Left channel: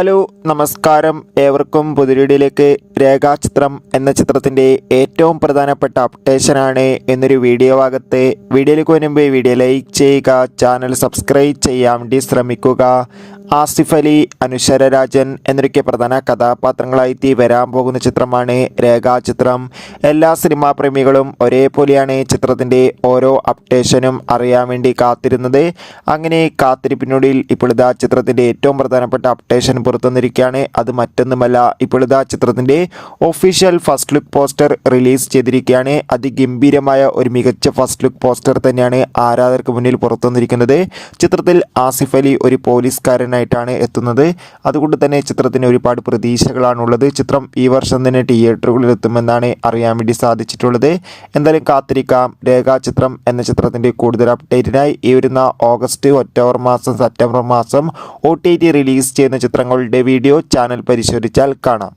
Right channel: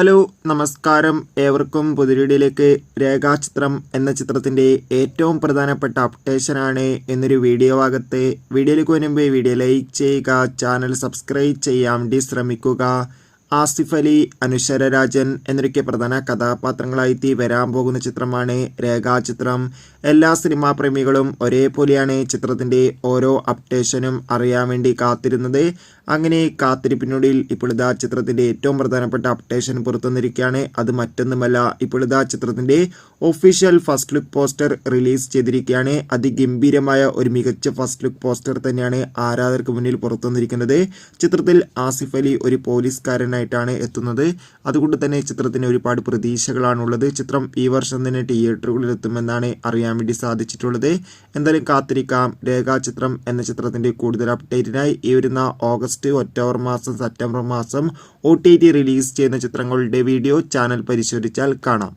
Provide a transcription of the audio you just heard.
Hello നമസ്കാരം, ഏവർക്കും പുതിയൊരിടിയിലേക്ക്. രേഖാചിത്രം എന്ന ചിത്രത്തിൻ്റെ ഏറ്റവും പ്രധാനപ്പെട്ട അപ്ഡേഷനാണ് എന്നൊരു വീഡിയോ ഭാഗത്ത്. വീഡിയോയിലേക്ക് വരുമ്പോൾ വീഡിയോ ലൈക്ക് ചെയ്യുക, ചാനൽ സബ്സ്ക്രൈബ് ചെയ്യാൻ വേണ്ടി ശ്രമിക്കുക. ആസിഫ് അലി, അനുഷര രാജൻ എന്നൊക്കെ പ്രധാന കഥാപാത്രങ്ങളായി വരാൻ പോകുന്ന ചിത്രമാണ് രേഖാചിത്രം. എല്ലാ സിനിമാ പ്രേമികളും ഒരേപോലെയാണ് ചിത്രത്തിൻ്റെ ഓരോ അപ്ഡേഷനും അറിയാൻ വേണ്ടി കാത്തിരുന്നത്. അങ്ങനെ കാത്തിരിപ്പിനൊടുവിൽ ഇപ്പോഴിതാ ചിത്രത്തിൻ്റെ ഏറ്റവും പ്രധാനപ്പെട്ട അപ്ഡേഷൻ പുറത്തുവന്നിരിക്കുകയാണ്. അത് മറ്റൊന്നുമല്ല, ഇപ്പോഴിതാ ചിത്രത്തിൻ്റെ official first look poster release ചെയ്തിരിക്കുകയാണ്. അതിഗംഭീരമായ ഒരു മികച്ച ഫസ്റ്റ് ലുക്ക് പോസ്റ്റർ തന്നെയാണ് ആരാധകർക്ക് മുന്നിൽ പുറത്തുവന്നിരിക്കുന്നത്. ചിത്രത്തിൽ ആസിഫ് അലി ഒരു പോലീസുകാരനായിട്ടാണ് എത്തുന്നത്. അതുകൊണ്ട് തന്നെ ചിത്രത്തിന് ഒരുപാട് പ്രതീക്ഷകളാണുള്ളത്. ചിത്രം ഈ വർഷം തന്നെ തിയേറ്ററുകളിൽ എത്തുമെന്നാണ് അറിയാൻ വേണ്ടി സാധിച്ചിട്ടുള്ളത്. എന്തായാലും കാത്തിരിക്കാം. രേഖാചിത്രം എന്ന ചിത്രത്തിൻ്റെ കൂടുതൽ അപ്ഡേറ്റിനായി ഈ വരുന്ന ഓഗസ്റ്റ്, ഒക്ടോബർ മാസം, സെപ്റ്റംബർ മാസം OTT റിലീസ് ചെയ്യുന്ന ചിത്രങ്ങളുടെ വീഡിയോ ചാനൽ പരിശോധിച്ചാൽ കാണാം.